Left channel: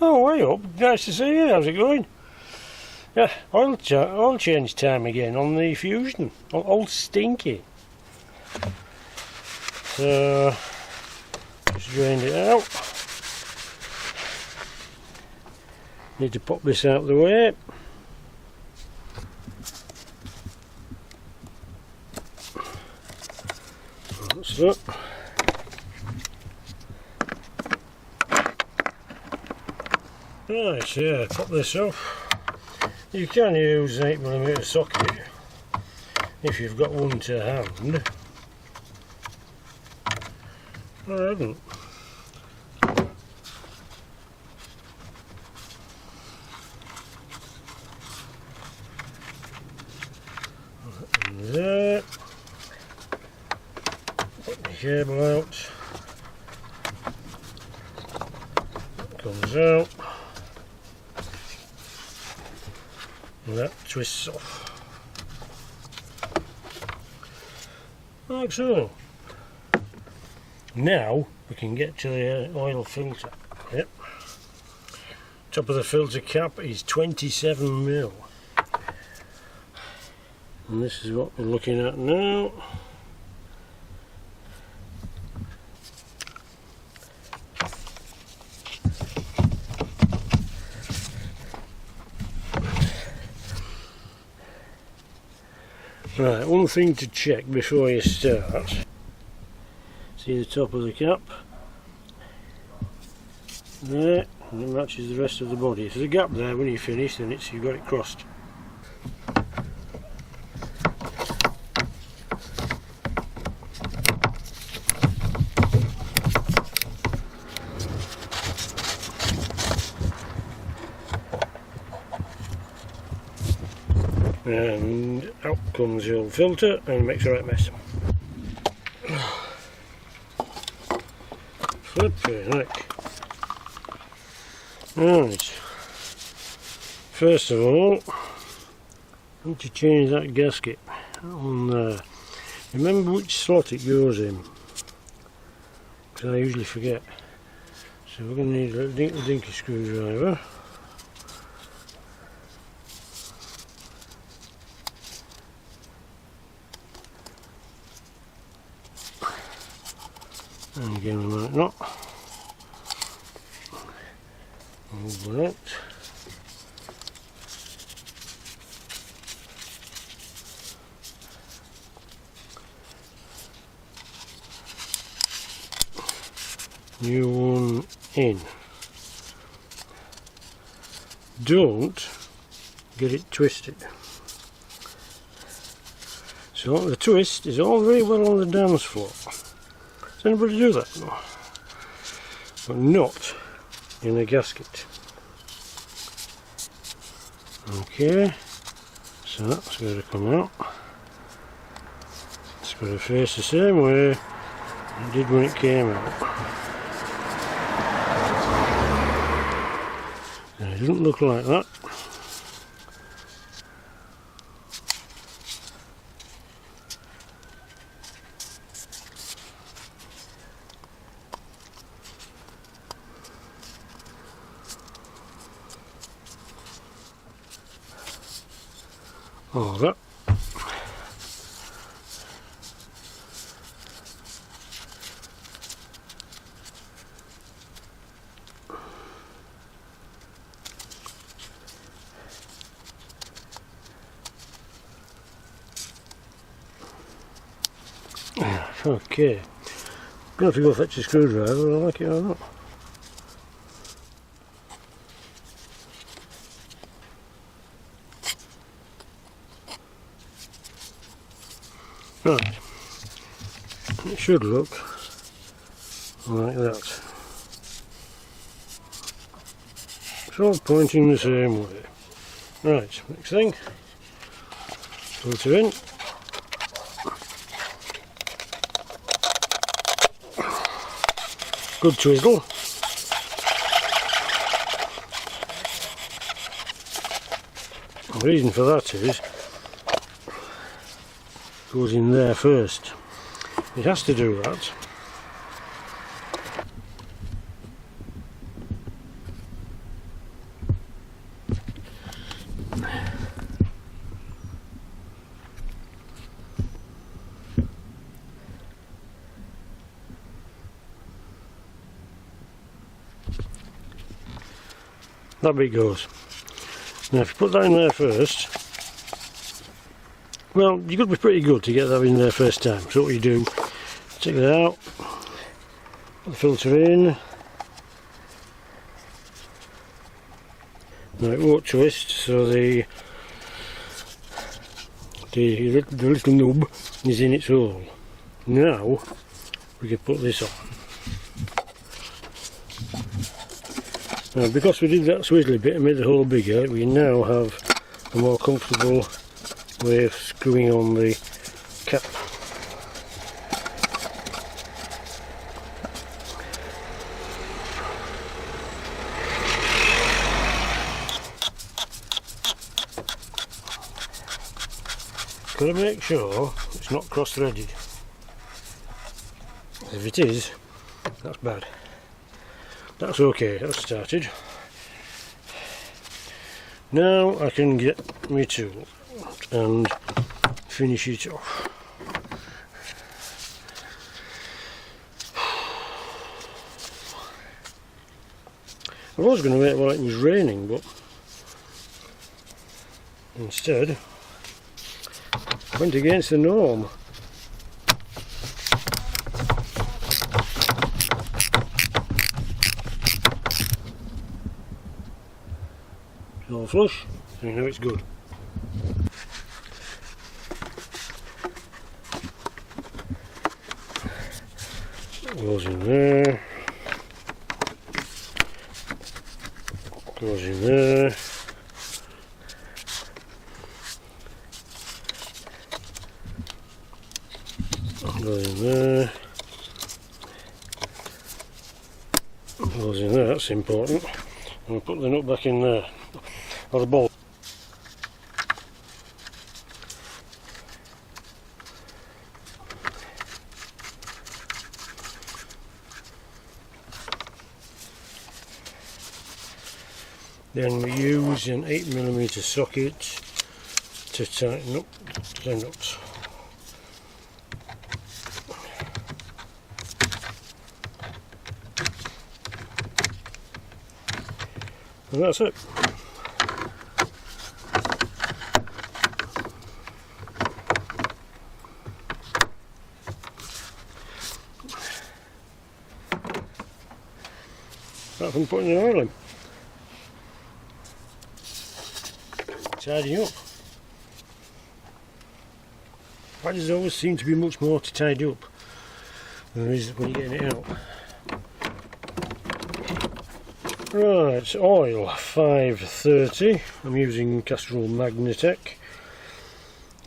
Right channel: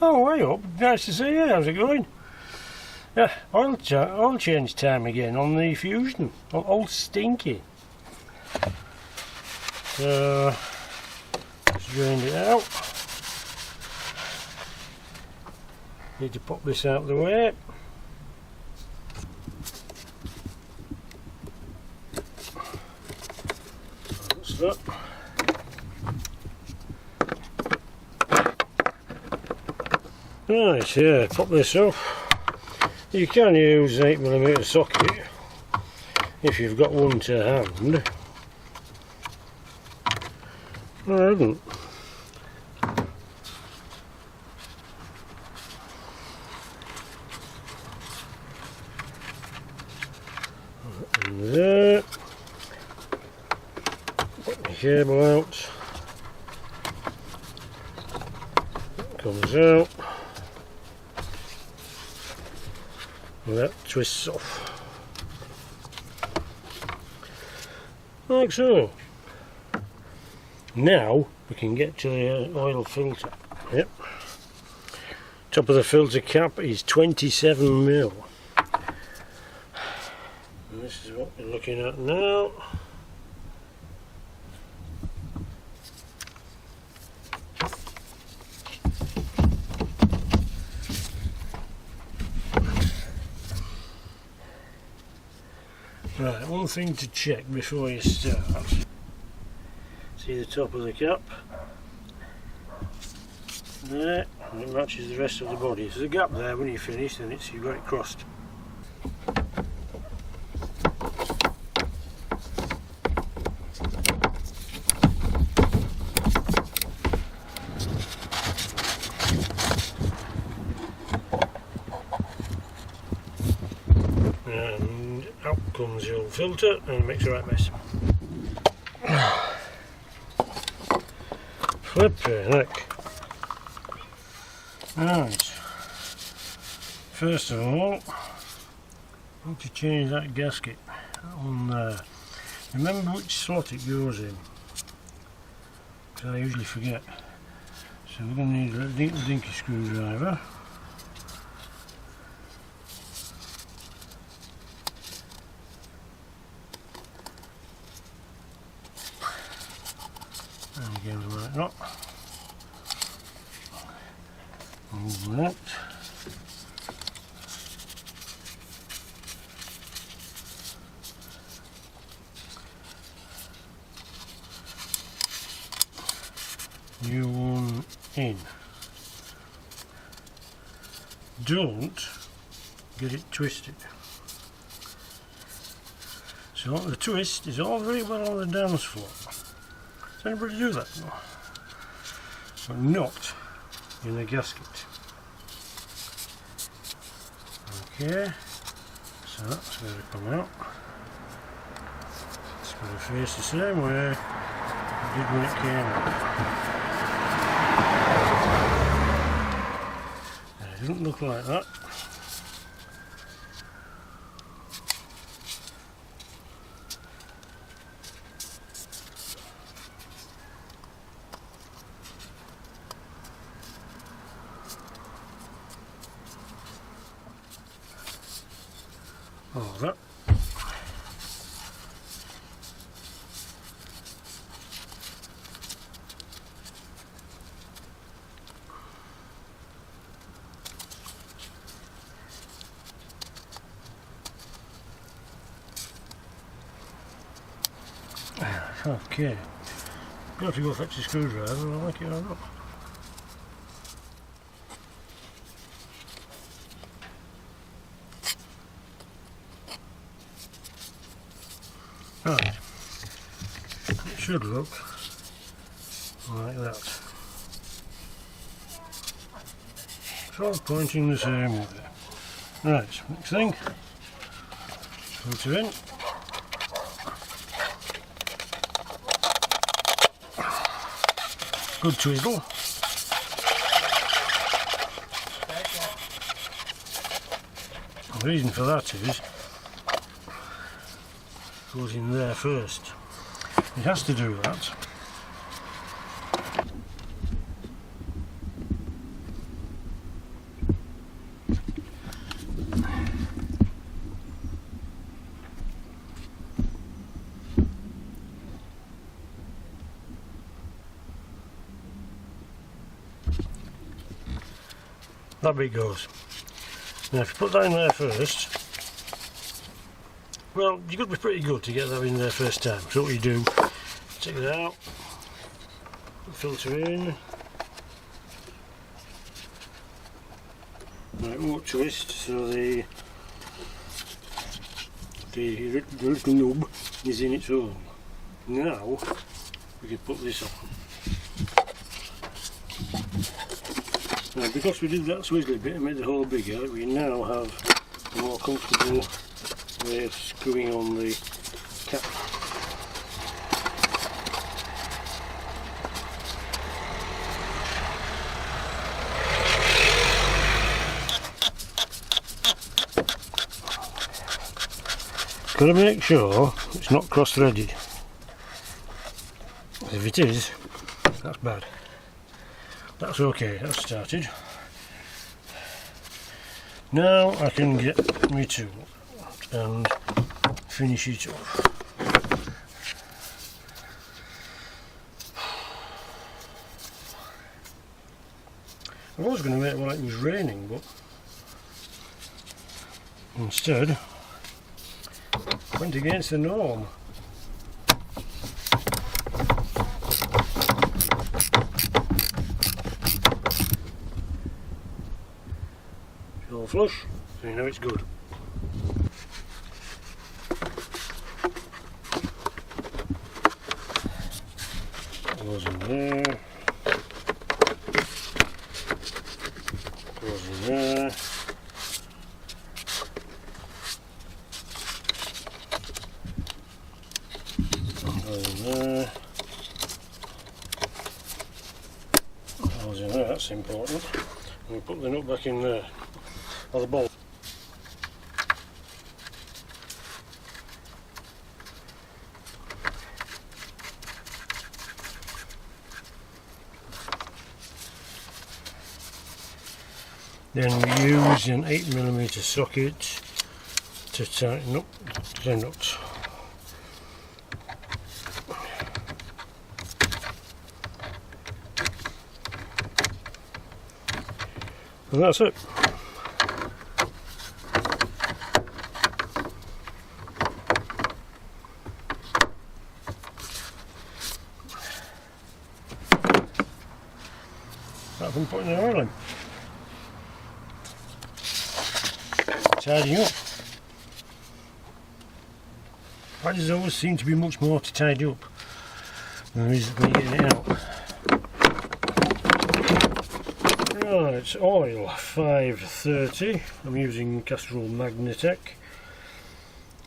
Oh, way up. Nice to see you. How's it going? Yeah, oil change time again on the Fusion. Old Stinky. So, just drained it out. Need to pop this out of the way. That's that. Right, yeah, pop this off. You can use an 8mm socket if you've got one to hand. I haven't. And there. Put the cable out. That comes out. And that twists off. Like so. Now we can get to the oil filter. Yep. Top of the filter cap is 27mm. And this is what we're looking at now. Right, one thing to check before you start. See the top of the cap? There, and it matches the rest of the body. If there's a gap there when you finish, then you've got it crossed. And out comes your filter and makes a right mess. Flipping heck. Right. First of all, I need to change that gasket on there. Remember which slot it goes in, because I usually forget. So we're going to need a dinky screwdriver. And again we might not. Move that. New one in. Don't get it twisted. So the twist is all very well on the dance floor. Does anybody do that? No. But not in the gasket. Okay, so that's going to come out. It's going to face the same way it did when it came out. And it doesn't look like that. Oh, that. Okay. You have to go fetch a screwdriver, I like it or not. Right, it should look like that. It's all pointing the same way. Right, next thing, filter in. Good twizzle. The reason for that is goes in there first. It has to do that. that bit goes. Now if you put that in there first, well, you've got to be pretty good to get that in there first time. So what you do, take it out, put the filter in. Now it won't twist, so the little nub is in its hole. Now we can put this on. Now because we did that swizzly bit and made the hole bigger, we now have a more comfortable way of screwing on the cap. Got to make sure it's not cross-threaded. If it is, that's bad. That's okay, that's started. Now I can get my tool and finish it off. I was going to make it like it was raining, but instead went against the norm. It's all flush, so you know it's good. Goes in there. Goes in there. Goes in there. Goes in there, that's important. And we put the nut back in there. Or the ball. Then we use an 8mm socket to tighten up the nuts. And that's it. Apart from putting the oil in. Tidying up. Badges always seem to be much more to tidy up than there is when you're getting it out. Right, oil 530. I'm using Castrol Magnatec,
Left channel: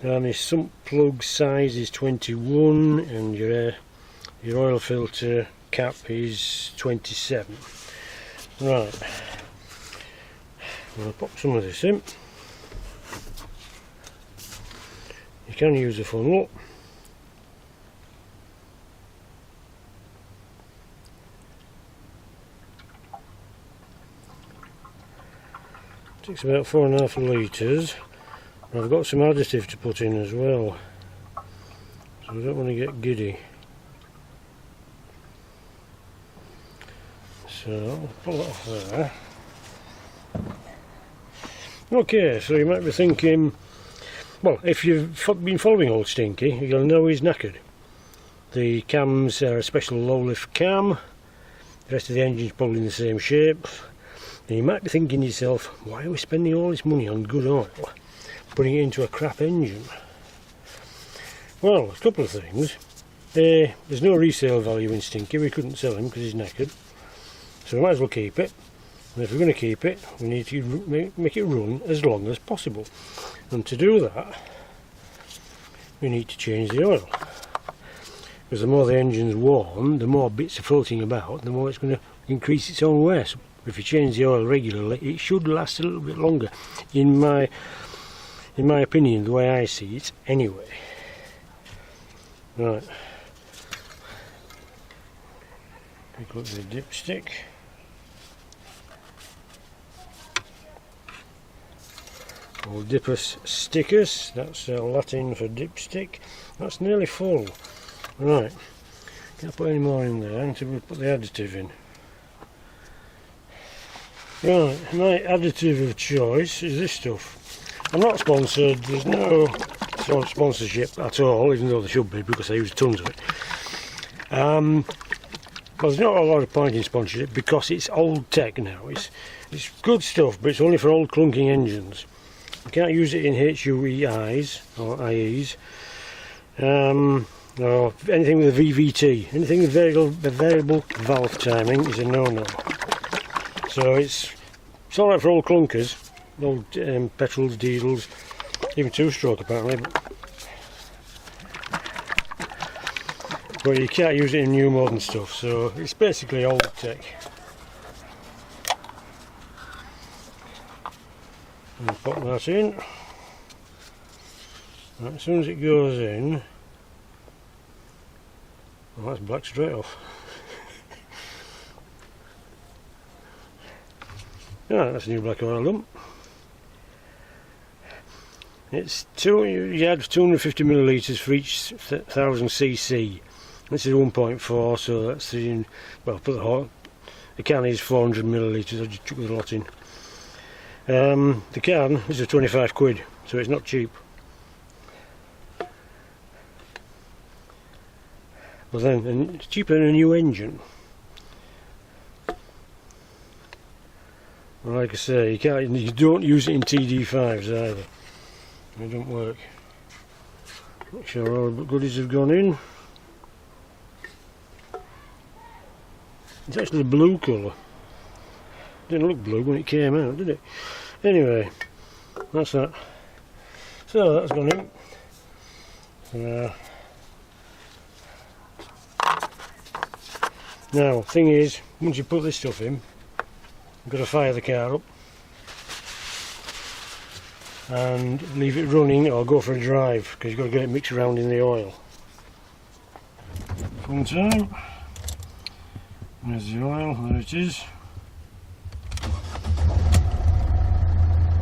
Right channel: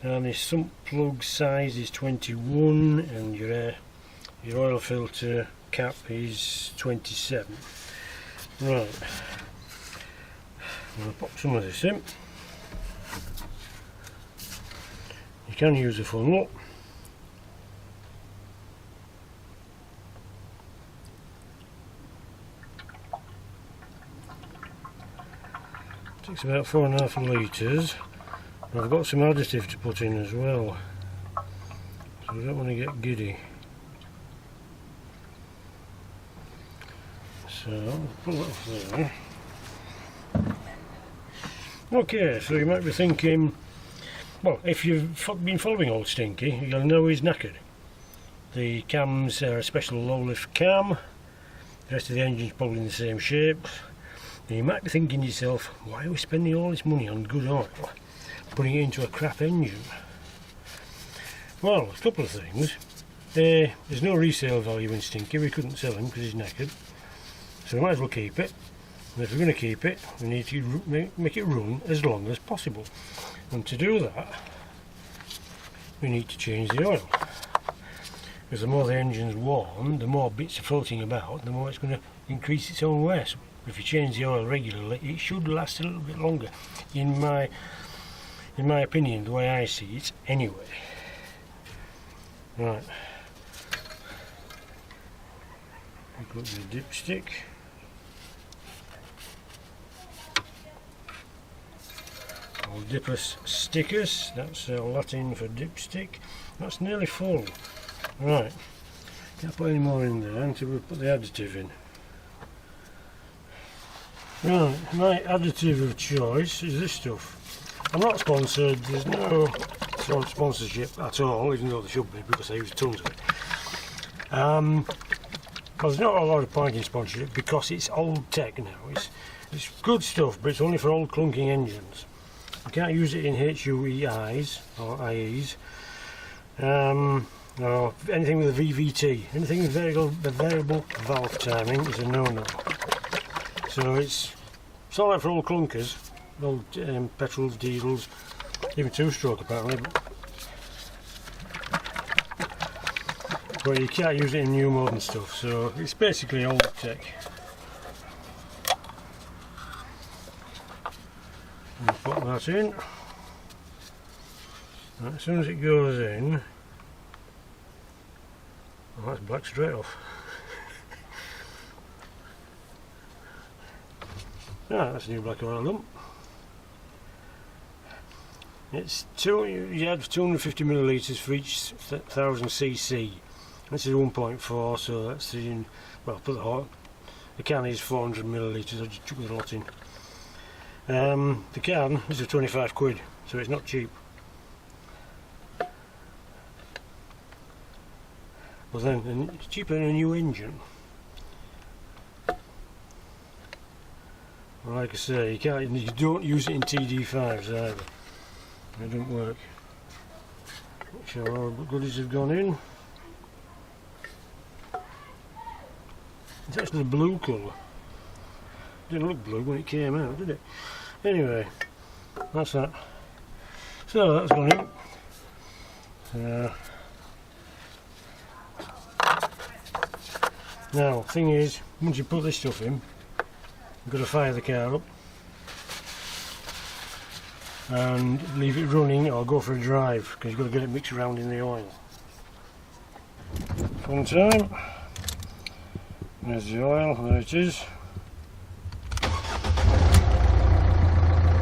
and the sump plug size is 21, and your oil filter cap is 27. Right, I'm going to pop some of this in. You can use a funnel. Takes about 4.5 litres. I've got some additive to put in as well, so we don't want to get giddy. So I'll pull that off there. Okay, so you might be thinking, well, if you've been following Old Stinky, you'll know he's knackered. The cams are a special low lift cam, the rest of the engine's probably in the same shape. And you might be thinking to yourself, why are we spending all this money on good oil, putting it into a crap engine? Well, a couple of things. There's no resale value in Stinky, we couldn't sell him because he's knackered. So we might as well keep it. And if we're going to keep it, we need to make it run as long as possible. And to do that, we need to change the oil. Because the more the engine's worn, the more bits are floating about, the more it's going to increase its own wear. So if you change the oil regularly, it should last a little bit longer. In my opinion, the way I see it, anyway. Right. Pick up the dipstick. Old Dippus stickers, that's Latin for dipstick. That's nearly full. Right, can't put any more in there until we put the additive in. Right, my additive of choice is this stuff. I'm not sponsored, there's no sort of sponsorship at all, even though there should be because I use tons of it. Well, there's not a lot of point in sponsorship because it's old tech now. It's good stuff, but it's only for old clunking engines. You can't use it in HUEIs or IEs, or anything with a VVT. Anything with variable valve timing is a no-no. So it's alright for old clunkers, old petrols, diesels, even two-stroke apparently. But you can't use it in new modern stuff, so it's basically old tech. And put that in. And as soon as it goes in, oh, that's black straight off. Yeah, that's a new black oil lump. It's you add 250 millilitres for each 1000 cc. This is 1.4, so that's well, put the can is 400 millilitres. I just chuck the lot in. The can is 25 quid, so it's not cheap. But then, and it's cheaper than a new engine. Well, like I say, you don't use it in TD5s either. They don't work. Not sure all the goodies have gone in. It's actually a blue colour. Didn't look blue when it came out, did it? Anyway, that's that. So that's gone in. Now, thing is, once you put this stuff in, you've got to fire the car up and leave it running or go for a drive because you've got to get it mixed around in the oil. One time. There's the oil, there it is.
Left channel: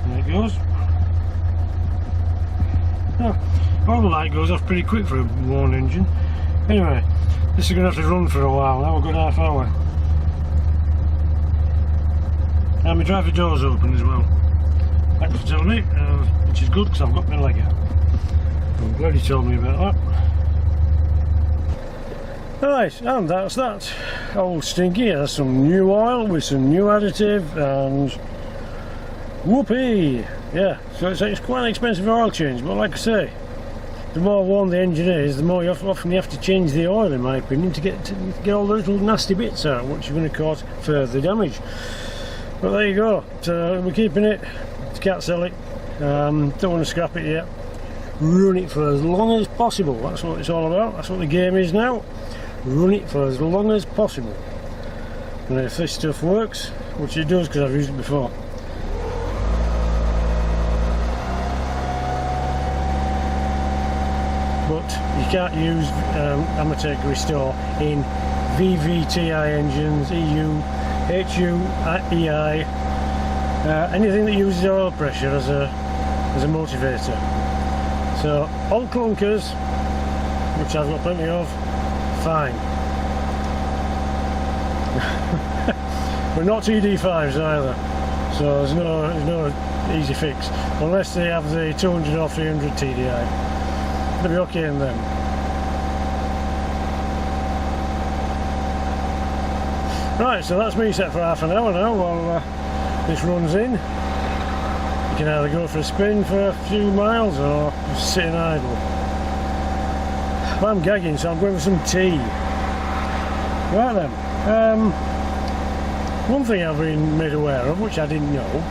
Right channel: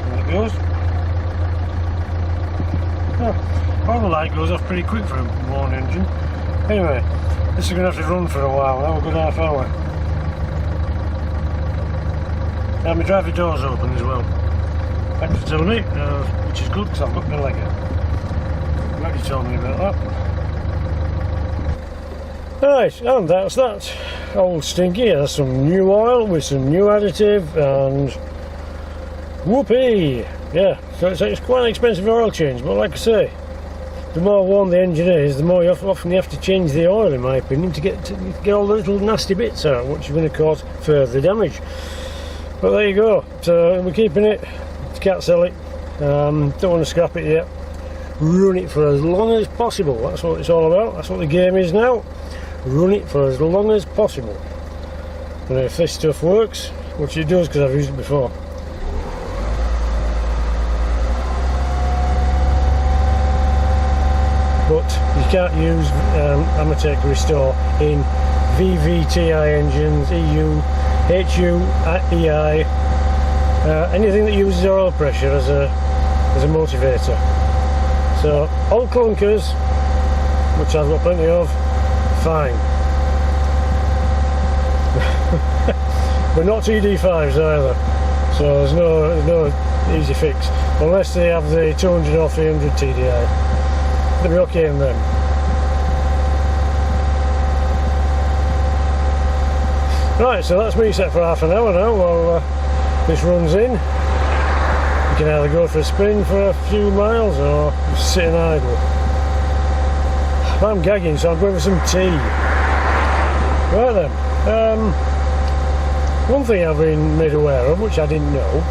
There it goes. Oh, the light goes off pretty quick for a worn engine. Anyway, this is going to have to run for a while now, a good half hour. And my driver door's open as well. Thanks for telling me, which is good because I've got my leg out. I'm glad you told me about that. Right, and that's that. Old Stinky has some new oil with some new additive and whoopee! Yeah, so it's quite an expensive oil change, but like I say, the more worn the engine is, the more often you have to change the oil, in my opinion, to get all the little nasty bits out, which are going to cause further damage. But there you go. So we're keeping it. Can't sell it. Don't want to scrap it yet. Run it for as long as possible. That's what it's all about. That's what the game is now. Run it for as long as possible. And if this stuff works, which it does because I've used it before. But you can't use Amatec Restore in VVTI engines, EU, HUEI, anything that uses oil pressure as a motivator. So old clunkers, which I've got plenty of, fine. But not TD5s either. So there's no easy fix unless they have the 200 or 300 TDI. They'll be okay in them. Right, so that's me set for half an hour now while this runs in. You can either go for a spin for a few miles or just sitting idle. I'm gagging, so I'm going for some tea. Right then, one thing I've been made aware of, which I didn't know,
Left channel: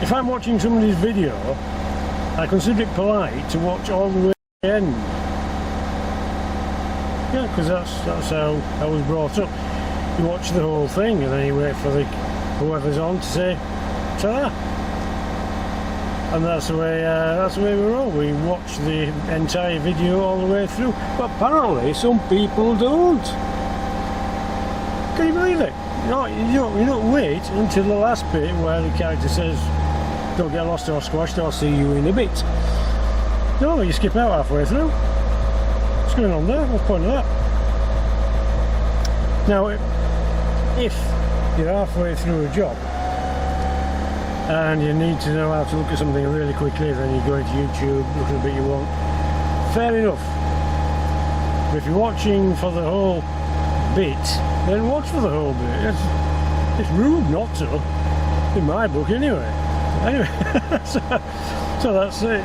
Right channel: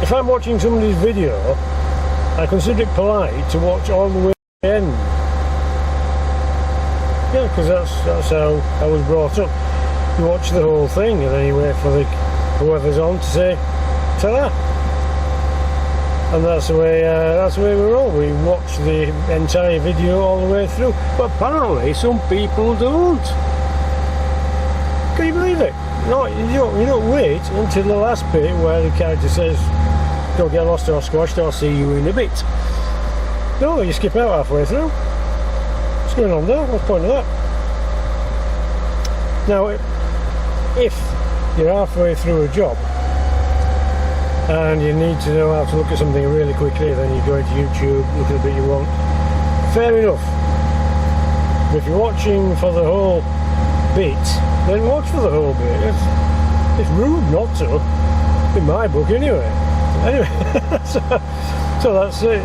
if I'm watching somebody's video, I consider it polite to watch all the way to the end. Yeah, because that's how I was brought up. You watch the whole thing and then you wait for whoever's on to say ta-da. And that's the way we roll. We watch the entire video all the way through. But apparently some people don't. Can you believe it? No, you don't wait until the last bit where the character says, "Don't get lost or squashed, I'll see you in a bit." No, you skip out halfway through. What's going on there? What's the point of that? Now, if you're halfway through a job and you need to know how to look at something really quickly, then you go into YouTube, look at a bit you want. Fair enough. But if you're watching for the whole bit, then watch for the whole bit. It's rude not to, in my book anyway. Anyway, so that's it.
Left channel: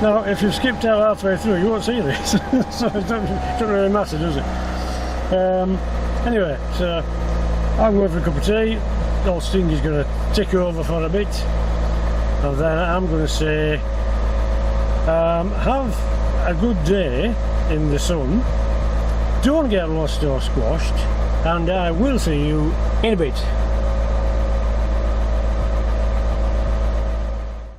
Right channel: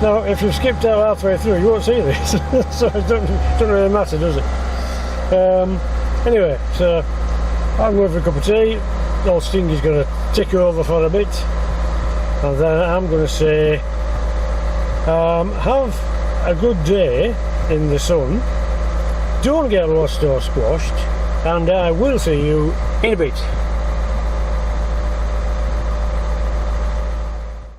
Now, if you've skipped out halfway through, you won't see this, so it don't really matter, does it? Anyway, so I'm going for a cup of tea. Old Stinky's going to tick over for a bit, and then I'm going to say, have a good day in the sun. Don't get lost or squashed, and I will see you in a bit.